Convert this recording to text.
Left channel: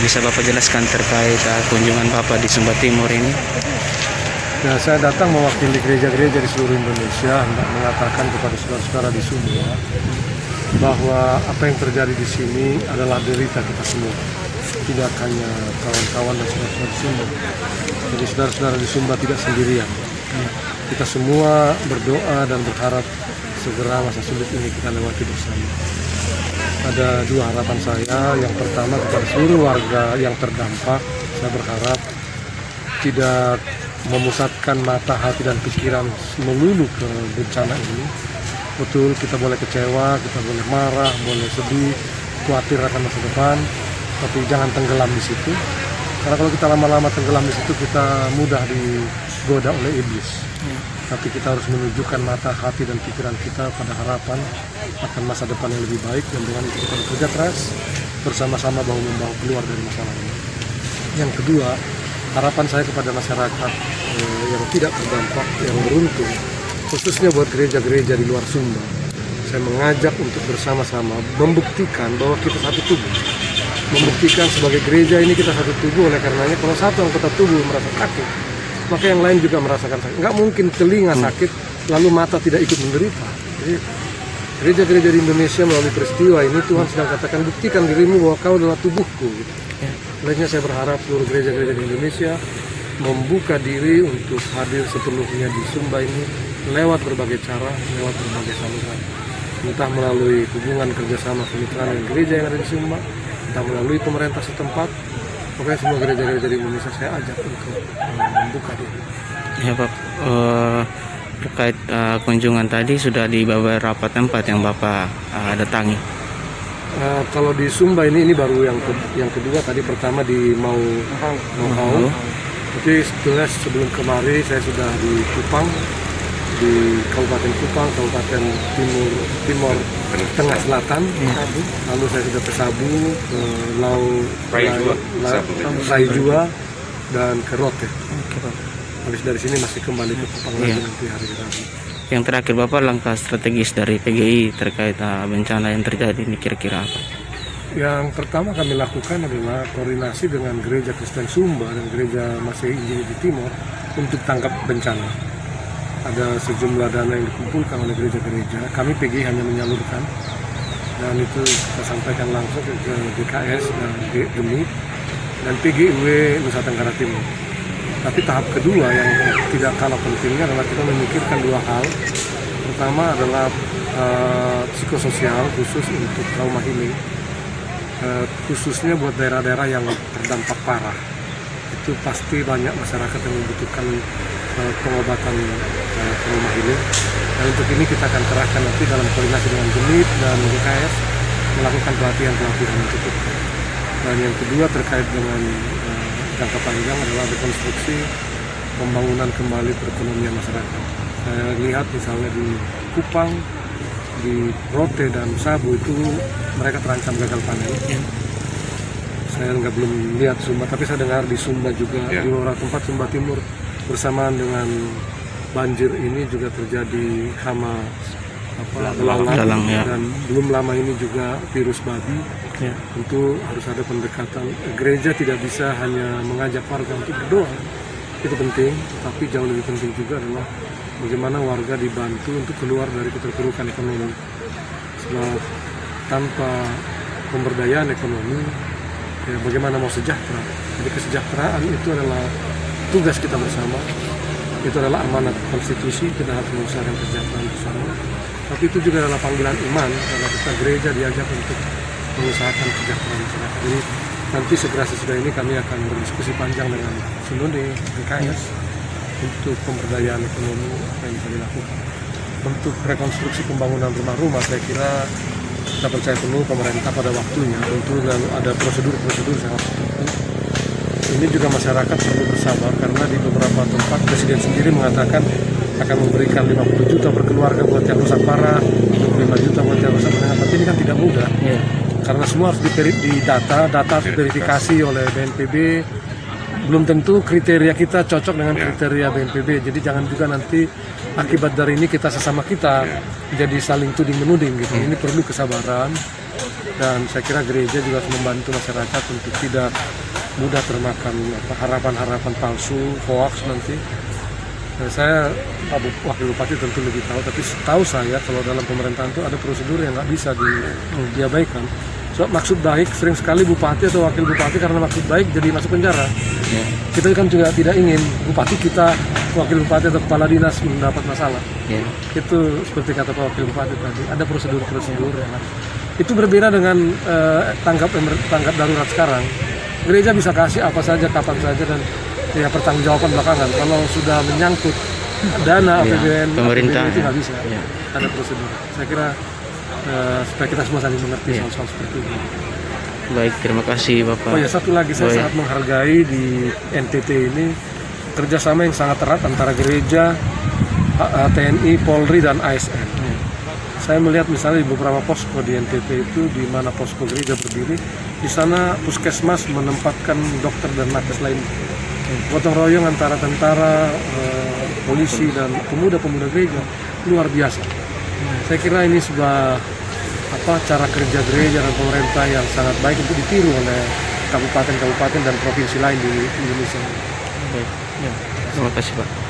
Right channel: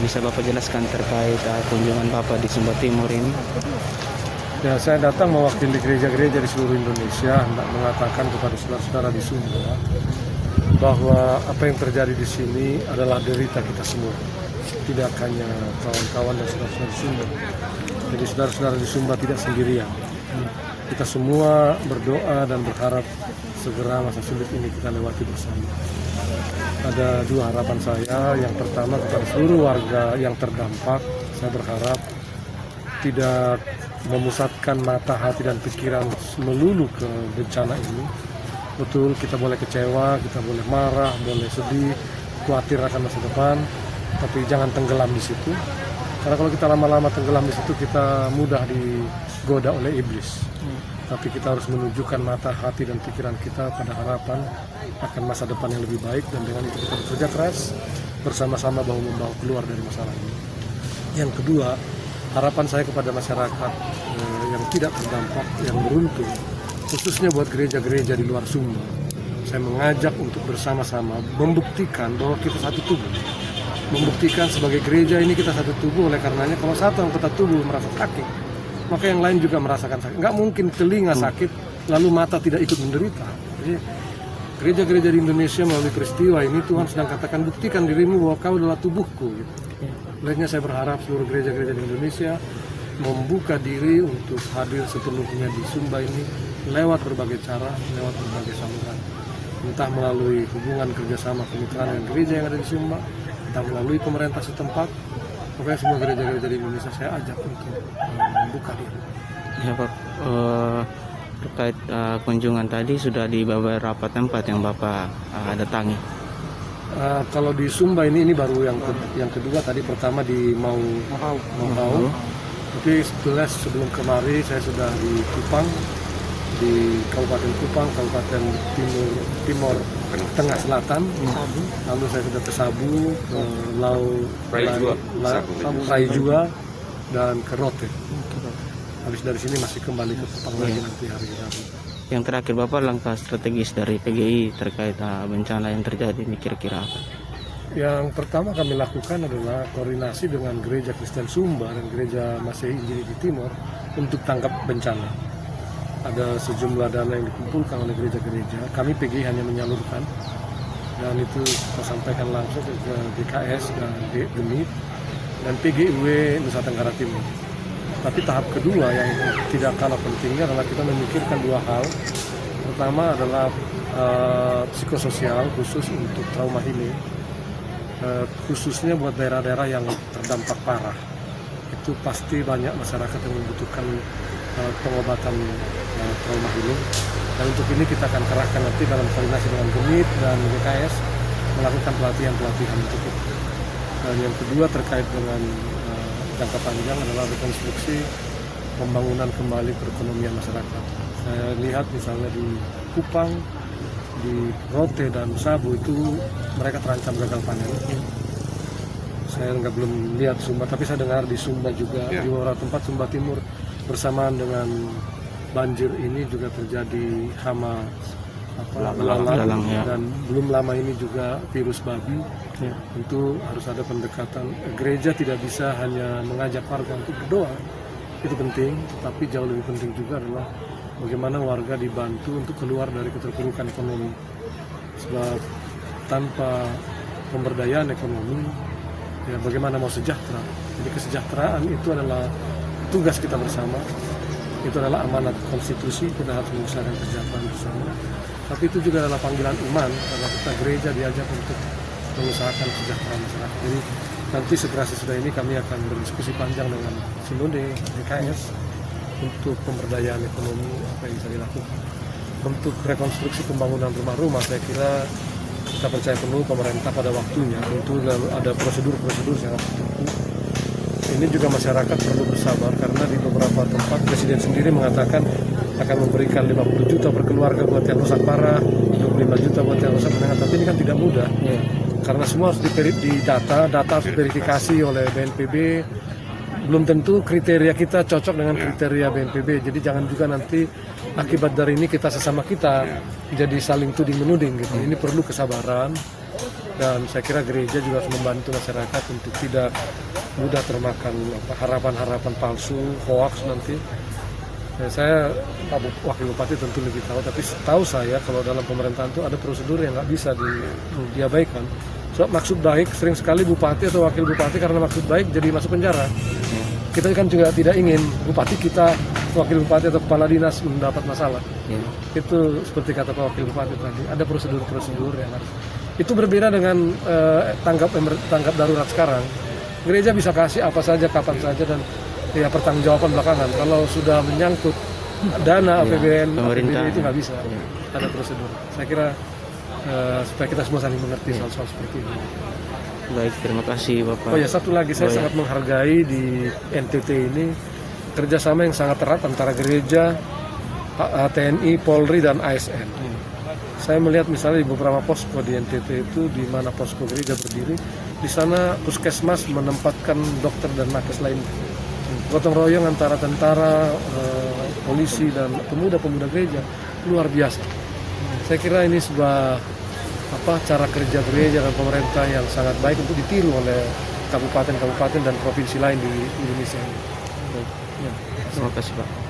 Bisa Bapak jelaskan terkait kunjungan Bapak di Sumba Timur ini? Nah, saya datang mewakili gereja-gereja di seluruh Indonesia untuk mengatakan kepada saudara-saudara di Sumba bahwa apa yang terjadi di sini adalah derita kita semua, tidak hanya kawan-kawan dan saudara-saudara di Sumba. Jadi saudara-saudara di Sumba tidak sendirian. Kita semua berdoa dan berharap segera masa sulit ini kita lewati bersama. Ada dua harapan saya. Yang pertama, kepada seluruh warga yang terdampak, saya berharap tidak memusatkan mata, hati, dan pikiran melulu ke bencana ini. Betul, kita boleh kecewa, kita boleh marah, boleh sedih, khawatir akan masa depan, tapi jangan tenggelam di situ. Karena kalau kita lama-lama tenggelam di situ, kita mudah digoda oleh iblis. Tapi kita harus menunjukkan mata, hati, dan pikiran kita pada harapan akan masa depan yang lebih baik, dan dengan itu kita bekerja keras bersama-sama membawa keluar dari masalah ini. Yang kedua, harapan saya kepada masyarakat yang tidak terdampak, yang beruntung, khususnya buat gereja-gereja di luar Sumba, saya mengajak untuk bersama-sama membuktikan bahwa kita satu tubuh. Membuktikan sebagai gereja ini kita satu tubuh, oleh karenanya kalau satu anggota tubuh merasa sakit, maka yang lain juga merasakan sakit. Nggak mungkin telinga sakit lalu mata tidak ikut menderita. Jadi gereja-gereja di Indonesia melalui peristiwa ini Tuhan sedang katakan, buktikan dirimu bahwa kau adalah tubuhku. Gitu. Olehnya saya berharap seluruh gereja-gereja di Indonesia membuka diri untuk hadir sepenuhnya di Sumba ini lewat berbagai cara, lewat berbagai saluran. Entah melalui hubungan kerjasama kemitraan dengan gereja yang ada di Sumba, entah melalui pemerintah setempat. Pokoknya semua gereja-gereja di Indonesia saya ajak untuk membuka diri. Ya Pak, terkait kunjungan tadi sudah di beberapa tempat yang Bapak datangi. Kalau di Sumba ini baru yang kedua. Tadi pertama di Mau. Tapi sebelum kemarin saya sudah di Kupang, di Kabupaten Kupang, Kabupaten Timur Tengah Selatan, Sabu. Lalu saya sudah ke Sabu, ke Raijua, dan ke Rote. Habis dari sini masih kembali ke Kupang nanti hari Rabu. Yang terakhir Bapak, langkah strategis dari PGI terkait bencana yang terjadi ini kira-kira apa? Yang pertama kami lakukan adalah koordinasi dengan Gereja Kristen Sumba dan Gereja Masehi Injili di Timur untuk tangkap bencana. Ada sejumlah dana yang dikumpulkan oleh gereja-gereja, kami PGI hanya menyalurkan, dan itu kita sampaikan langsung ke DKS dan GEMI dan PGIW Nusa Tenggara Timur. Tapi tahap kedua yang tidak kalah pentingnya adalah kita memikirkan dua hal. Pertama adalah psikososial khusus untuk trauma healing, khususnya buat daerah-daerah yang terdampak parah. Itu pasti banyak masyarakat yang membutuhkan pengobatan trauma healing. Dan untuk ini kita akan kerahkan nanti dalam koordinasi dengan GEMIT dan DKS melakukan pelatihan-pelatihan untuk itu. Dan yang kedua terkait dengan jangka panjang adalah rekonstruksi pembangunan kembali perekonomian masyarakat. Saya lihat misalnya di Kupang, di Rote dan Sabu itu mereka terancam gagal panen. Saya belum lihat Sumba, tapi saya dengar di Sumba juga, di beberapa tempat Sumba Timur bersamaan dengan banjir ini juga terjadi hama belalang, dan belum lama ini juga virus babi. Tentu harus ada pendekatan. Gereja tidak bisa hanya mengajak warga untuk berdoa, itu penting, tapi jauh lebih penting juga adalah bagaimana warga dibantu untuk keluar dari keterpurukan ekonomi. Sebab tanpa pemberdayaan ekonomi, bagaimana mau sejahtera? Jadi kesejahteraan itu adalah tugas kita bersama, itu adalah amanat konstitusi, kita harus mengusahakan kesejahteraan bersama. Tapi itu juga adalah panggilan iman, karena kita gereja diajak untuk mengusahakan kesejahteraan masyarakat. Jadi nanti segera sesudah ini kami akan berdiskusi panjang dengan Simun di KS untuk pemberdayaan ekonomi yang bisa dilakukan. Untuk rekonstruksi pembangunan rumah-rumah, saya kira kita percaya penuh pemerintah pada waktunya, tentu dan ada prosedur-prosedur sangat penting. Ini juga masyarakat perlu bersabar, karena di beberapa tempat Presiden sendiri mengatakan akan memberikan 50 juta per keluarga buat yang rusak parah, 5 juta buat yang rusak menengah, tapi ini kan tidak mudah. Karena semua harus data harus diverifikasi oleh BNPB. Belum tentu kriteria kita cocok dengan kriteria BNPB. Jadi jangan juga nanti akibat dari ini kita sesama kita jadi saling tuding menuding gitu. Ini perlu kesabaran. Dan saya kira gereja juga harus membantu masyarakat untuk tidak mudah termakan harapan-harapan palsu, hoax nanti. Saya Pak Wakil Bupati tentu lebih tahu, tapi tahu saya kalau dalam pemerintahan itu ada prosedur yang nggak bisa diabaikan. So, maksud baik, sering sekali bupati atau wakil bupati karena maksud baik jadi masuk penjara. Kita kan juga tidak ingin bupati kita, wakil bupati atau kepala dinas mendapat masalah. Itu seperti kata Pak Wakil Bupati tadi, ada prosedur-prosedur yang harus. Itu berbeda dengan tanggap darurat sekarang. Gereja bisa kasih apa saja, kapan saja, dan ya pertanggungjawaban belakangan. Kalau sudah menyangkut dana APBN, pemerintah itu nggak bisa. Ada prosedur. Saya kira supaya kita semua saling mengerti soal seperti ini. Baik, terima kasih Bapak. Oh ya, satu lagi, saya sangat menghargai di NTT ini kerjasama yang sangat erat antara gereja, TNI, Polri, dan ASN. Saya melihat misalnya di beberapa posko di NTT itu, di mana posko gereja berdiri, di sana puskesmas menempatkan dokter dan nakes lain. Gotong royong antara tentara, polisi, dan pemuda-pemuda gereja luar biasa. Saya kira ini sebuah cara kerja gereja dan pemerintah yang sangat baik untuk ditiru oleh kabupaten-kabupaten dan provinsi lain di Indonesia. Terima kasih Pak.